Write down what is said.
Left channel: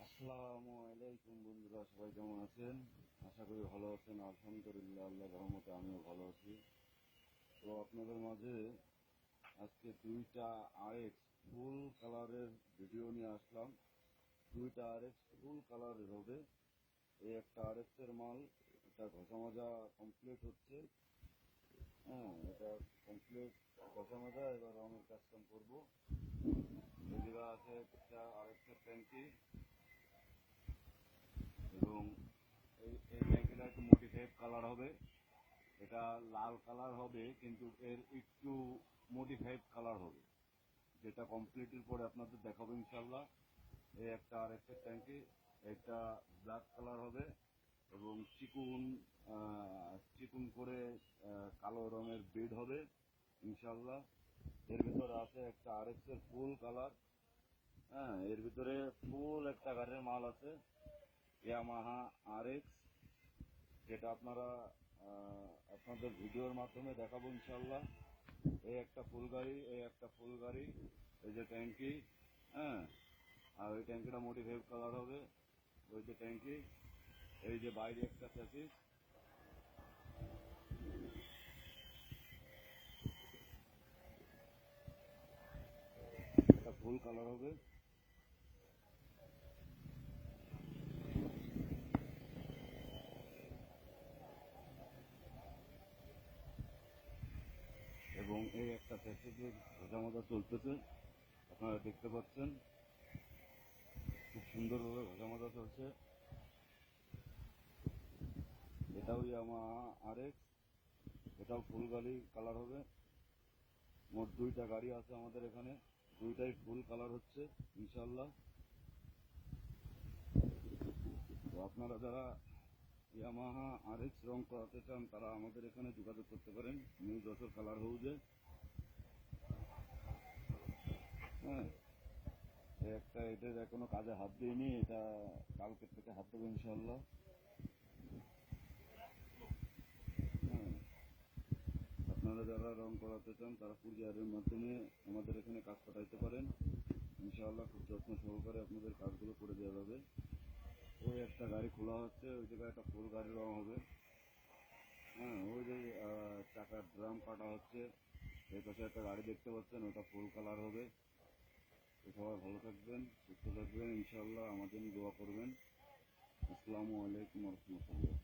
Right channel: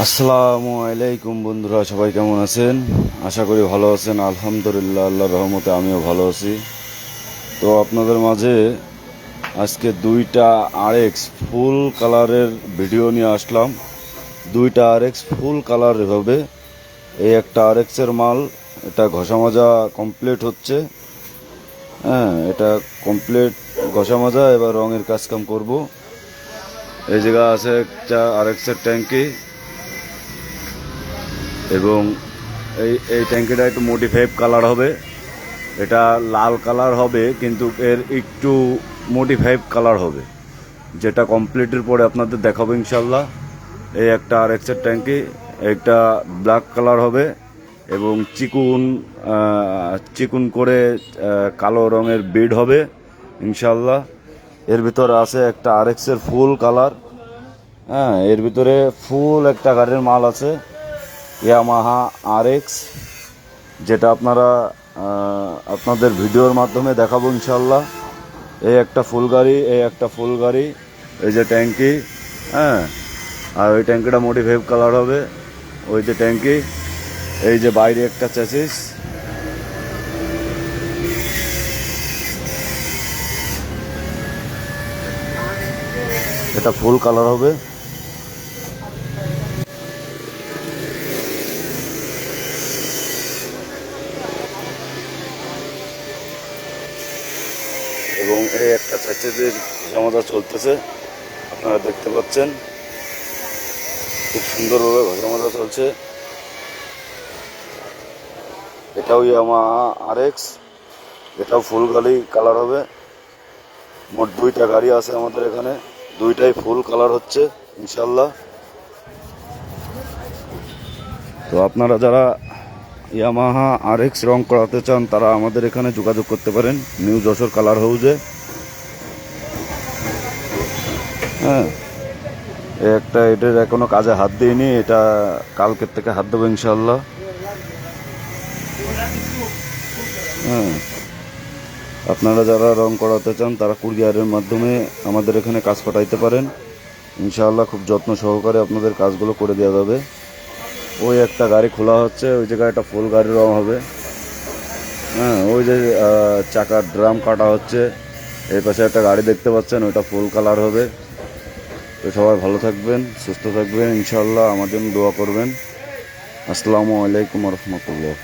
আসসালামু আলাইকুম বন্ধুরা, সবাই কেমন আছেন? আশা করি ভালো আছেন। আলহামদুলিল্লাহ, আল্লাহর রহমতে আমিও ভালো আছি। তো আপনাদের মাঝে আজকে দুইটা আরএক্স ফুল কালারের ভিডিও নিয়ে আসলাম। দুইটা আরএক্স ফুল কালার হবে। এই একটা আরএক্সের মাল, এটা ঘষা মাজা কমপ্লিট হচ্ছে। হ্যাঁ, এটা কমপ্লিট ঘষা মাজা, এবার রঙের কাজকাম করব। এই জায়গা আছে একটা আরএক্সের ট্যাঙ্কি, এবং এই এই ট্যাঙ্কিটা একটু মডিফাইড কালার হবে। এটা লাল কালার হবে, কিন্তু এর একটু মডিফাইড কালার হবে, যেটা কমপ্লিটের পরে আপনাদের দেখাবো ইনশাল্লাহ। এই একটা আর এক্সের ট্যাঙ্কি, একটা ব্ল্যাক কালার হবে এবং চিকুন করে কালো রঙের বিড হবে ইনশাল্লাহ। এর ভিতরে আছে একটা আর এক্সের ফুল কালার। হ্যাঁ, এর ভিতরে ফুল একটা গাড়ির মাল আছে, ইয়ামাহা আর এক্স, যেটা আপনারা আপনাদের ভিডিওর মাধ্যমে দেখাবো ইনশাল্লাহ। এই একটা ফুল গাড়ি, এই একটা ফুল গাড়ি, এই যে ট্যাঙ্কি। হ্যাঁ, আর ওই ট্যাঙ্কিটা মডিফাইড কালার হবে। ওই যে ট্যাঙ্কি, এই যে বাইরে একটা চ্যাসিস। এটা ফুল কালার হবে। এবং এই একটা চ্যাসিসের ঘষামাজা চলতেছে, আপনারা দেখতে পাচ্ছেন। খুব সুন্দরভাবে ঘষামাজা চলছে। এটাও ইয়ামাহা আর এক্স, এটাও ফুল গাড়ি কালার হবে। মোট দুইটা গাড়ি আছে আমাদের এখানে, দুইটাই ফুল কালার হচ্ছে ইনশাল্লাহ। তো আপনারা যারা ইয়ামাহা আর এক্স রং করাতে চান, তারা আমাদের এখানে যোগাযোগ করতে পারেন, নিউ যশোর কালার হাউজে। হ্যাঁ, একটা এটার এখনো কাজে হাত দিইনি, এটা কালকের থেকে হাত দেবো ইনশাল্লাহ। হ্যাঁ, আপনারা যারা রং করাতে চান, তারা কুরিয়ারের মাধ্যমে আমাদের এখানে কাজ পাঠাইতে পারেন ইনশাআল্লাহ। খুব যত্ন সহকারে আপনাদের কাজগুলো করে দেওয়া যাবে। ওই একটা গাড়ি খোলা হচ্ছে, ওই জায়গায় একটা ফুল গাড়ির রং হবে। হ্যাঁ, ওই যে চাকার ড্রাম কাটা হচ্ছে, এই পাশে একটা গাড়ি দেখতে পাচ্ছেন, ওইটা ফুল কালার হবে। তো সবাই ভালো থাকবেন, সুস্থ থাকবেন ইনশাআল্লাহ, আমার জন্য দোয়া করবেন। আসসালামু আলাইকুম রহমতুল্লাহ।